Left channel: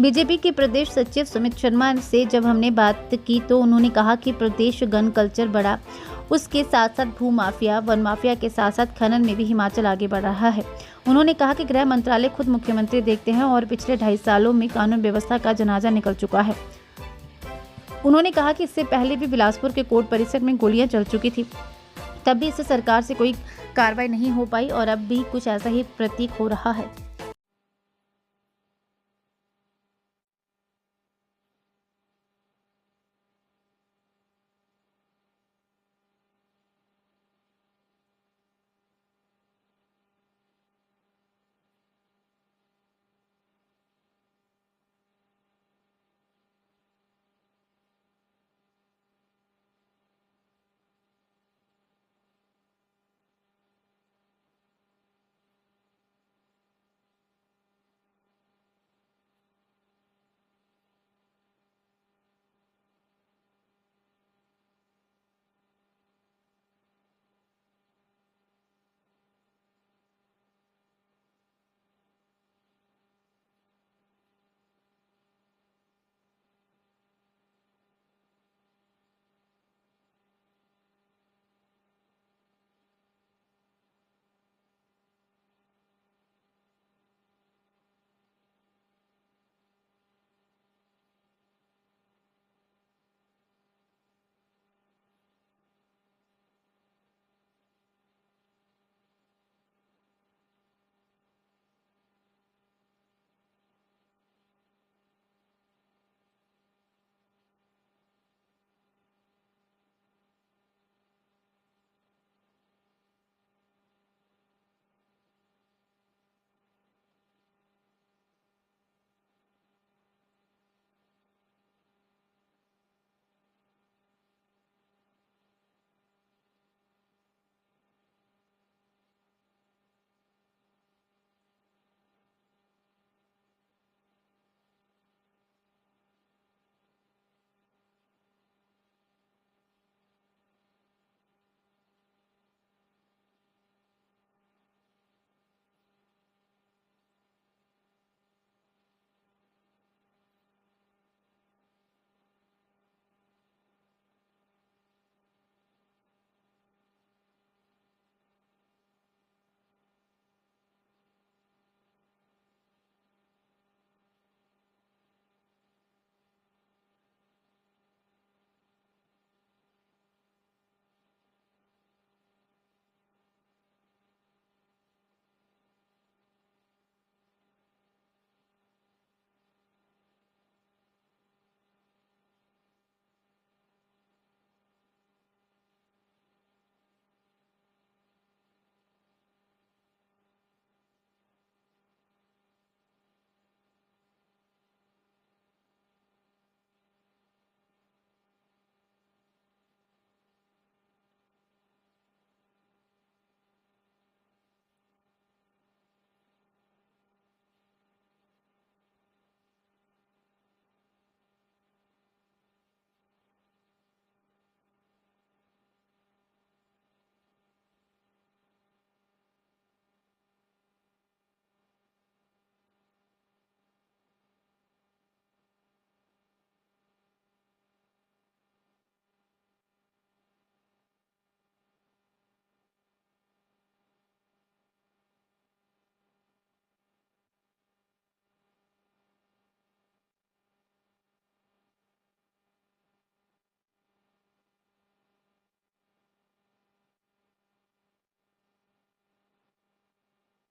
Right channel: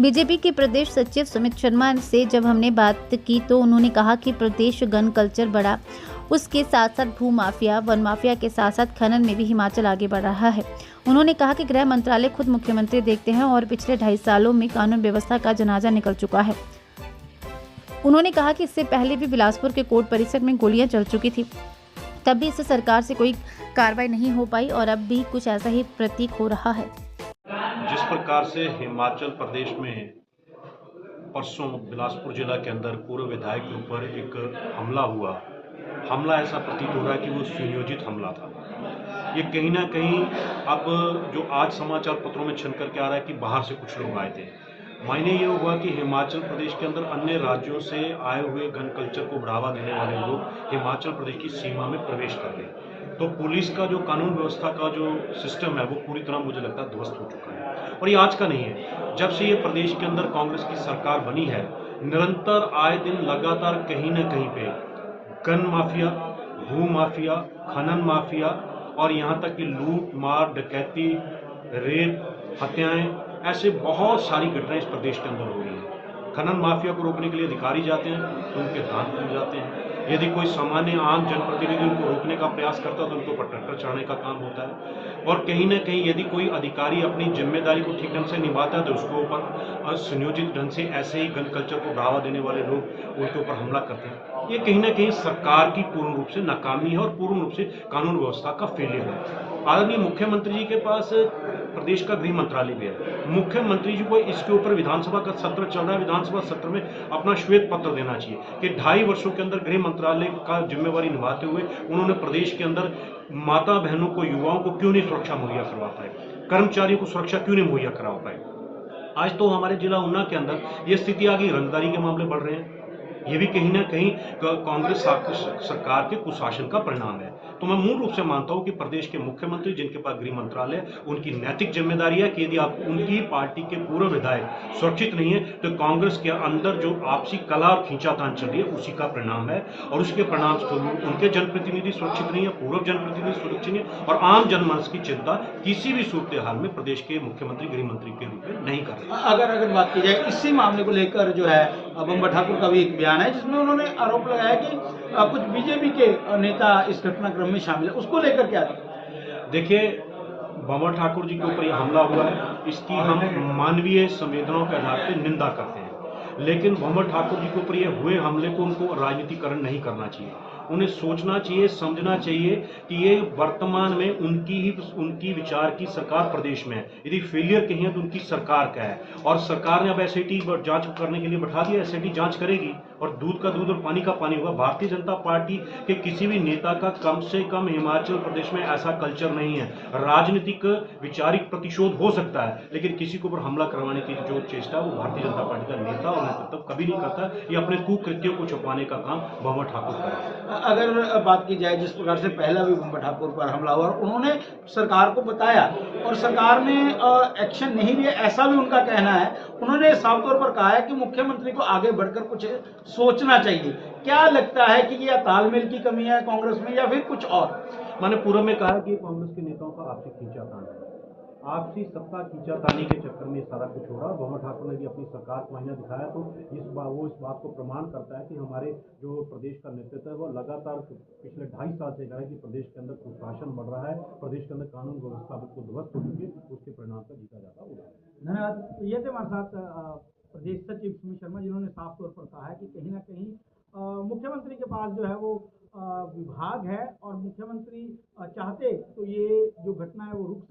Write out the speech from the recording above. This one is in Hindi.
बीजेपी के प्रदेश सचिव सुमित शर्मा से जब हमने बात की तो उन्होंने कहा कि प्रदेश गन कल्चर बढ़ा, उसके साथ साथ भू माफिया, वन माफिया के साथ साथ खनन में भी हिमाचल आगे बढ़ रहा है। उन्होंने कहा कि गृह मंत्रालय खुद मुख्यमंत्री देखते हैं और पिछले 2.5 सालों में कानून व्यवस्था का जनाजा निकल चुका है। उन्होंने कहा कि इससे पहले भी बिलासपुर के कोर्ट परिसर में गोलियां चल चुकी थी, तब भी इससे सरकार से कोई कार्रवाई नहीं हो पाई और अब भी कुछ ऐसा ही प्रतीक हो रहा है। जिस प्रकार से हिमाचल प्रदेश में परसों बिलासपुर जिला के अंदर पूर्व विधायक के ऊपर एक हमला हुआ, हमला ऐसा प्रतीत हो रहा है कि वो सुनियोजित हमला था। ये कहीं ना कहीं अब जो आज समाचार पत्रों में छन करके आ रहा है कि बाहर से कुछ लोग आए थे, मायने ये हुआ कि हिमाचल प्रदेश के अंदर अन्य राज्यों से आए हुए गन कल्चर को बढ़ावा देने वाले लोग हिमाचल प्रदेश की सीमा में प्रवेश कर गए। तो पुलिस का जो कानून व्यवस्था का जो सिस्टम है वो पूरी तरह मुझे लगता है ध्वस्त हो चुका है। और ये आज का नहीं है, जब से ये प्रदेश के अंदर कांग्रेस की सरकार बनी है, निरंतर आए दिन लगातार कहीं ना कहीं पे गन माफिया, भू माफिया, खनन माफिया और यहाँ तक कि लूट मार डकैती, रेप, हत्याएं, ऐसे बहुत सारी घटनाएं इस प्रदेश के अंदर हो रही हैं। खनन माफिया को रोकने के लिए अधिकारी जाते हैं तो उनके दांत टूट जाते हैं। यदि कोई सामान्य आम जनप्रतिनिधि उनको रोकने का प्रयास करता है तो उनको ऊपर ट्रैक्टर चढ़ाने का काम होता है। और कहीं ना कहीं यदि कोई अधिकारी अपनी जिम्मेदारी को ठीक ढंग से निभाता है तो उसके ऊपर सुनियोजित ढंग से ऐसे ही गन कल्चर को बढ़ावा देने वाले लोग उनके ऊपर हमला करते हैं। ये कहीं ना कहीं सरकार की पूर्ण रूप से नाकामी है और पूर्ण रूप से कानून व्यवस्था का फेलियर है। आदरणीय मुख्यमंत्री जी के पास प्रदेश का गृह मंत्रालय भी है। मुख्यमंत्री जी को इसके ऊपर विधानसभा का सत्र चल रहा है, विधानसभा सत्र में अपना श्वेत पत्र देना चाहिए कि 2.5 वर्षों के अंदर गृह मंत्रालय का जिम्मेवारी निभाते हुए उन्होंने प्रदेश के अंदर माता बहनों को, युवाओं को क्यों नहीं सुरक्षा मुहैया करवा पाए, कर्मचारियों को सुरक्षा क्यों नहीं मुहैया करवा पाए। आज तो हमारे जिला ऊना के अंदर ये स्थिति आ गई, रंगदारी के मामले बढ़ रहे हैं। ये भी कहीं ना कहीं कांग्रेस सरकार के कुशासन का परिणाम है। तो मैं मूल रूप से मानता हूं कि प्रदेश के मुख्यमंत्री जिनके पास गृह मंत्रालय, उनकी नैतिक जिम्मेदारी है कि यदि आप उनकी पार्टी के पूर्व विधायक सुरक्षित नहीं है तो कांग्रेस के अंदर जो आपसी कला और खींचातान चल रही है उसी का परिणाम है। और उसके परिणाम स्वरूप उनके जनप्रतिनिधि सुरक्षित नहीं है, पूर्व जनप्रतिनिधि सुरक्षित नहीं है और आम जनमानस की चिंता किसी भी सूरत हाल में प्रदेश के मुख्यमंत्री गृह मंत्री के रूप में नहीं कर रहे। अगर बात की जाए इसी मामले को लेकर जो है बम्बर ठाकुर का भी एक बयान है जिसमें उन्होंने आरोप लगाया कि कुछ बीजेपी के नेता इस घटनाक्रम में शामिल है, उसको लेकर क्या था? देखिए, बम्बर ठाकुर जी के ऊपर यह हमला हुआ है, इसकी हम मानवीय संवेदनाओं के आधार पर निंदा करते हैं, लेकिन बम्बर ठाकुर जी के ऊपर ये हुए हमले को उनको राजनीतिकरण नहीं करना चाहिए। उन्हें सोचना चाहिए, समझना चाहिए कि ये वर्तमान में उनकी विचार की सरकार प्रदेश में है। यदि फेलियर कहीं है तो उनकी सरकार का है और सरकार ने अब एसआईटी जांच करने के लिए बैठा दिया, एसआईटी जांच करेगी और दूध का दूध और पानी का पानी होगा। भारतीय जनता पार्टी के किसी भी नेता का कम से कम हिमाचल प्रदेश में ऐसा कल्चर नहीं है। राजनीतिक विचारिक प्रतिशोध हो सकता है, लेकिन किसी के ऊपर हमला करवाने की जो चेष्टा वो भारतीय जनता पार्टी का नेता और नेतृत्व कभी नहीं करता। ये अपने कुकृत्यों को छुपाने का काम बम्बर ठाकुर कर रहे हैं। अगर बात की जाए जिस प्रकार से पहला भी बम्बर ठाकुर पर हमला हुआ, उन्होंने सरकार को बताया और सरकार ने एक्शन नहीं लिया, ऐसा भी उनका कहना है। उन्होंने साफ तौर पर कहा है कि मुख्यमंत्री को आगे बढ़कर कुछ सोचना चाहिए। क्या लगता है कि यह तालमेल की कमी है कांग्रेस में या फिर कुछ और? मैंने पूर्व में कहा कि कांग्रेस के नेताओं का आपसी खींचातान है, आपसी सत्ता खींचातानी के चक्कर में सारा कुछ हो रहा है। बम्बर ठाकुर ने भी अपनी सरकार को आईना दिखाया तो वो इस बात को प्रमाण करता है कि हमारे जो प्रदेश का नेतृत्व है वो लगातार पिछले 2.5 साल से कह रहा है कि प्रदेश के अंदर कुशासन बढ़ रहा है, प्रदेश के अंदर कानून व्यवस्था बिल्कुल ध्वस्त हो चुकी है, उसके परिणाम का जीता जाता उदाहरण। धन्यवाद। तो ये थे हमारे साथ प्रदेश सचिव सुमित शर्मा, जिन्होंने साफ तौर पर कहा है कि कहीं ना कहीं मुख्यमंत्री के पास जो है वो विभाग है और मुख्यमंत्री चाहते तो ये जो घटना है वो रुक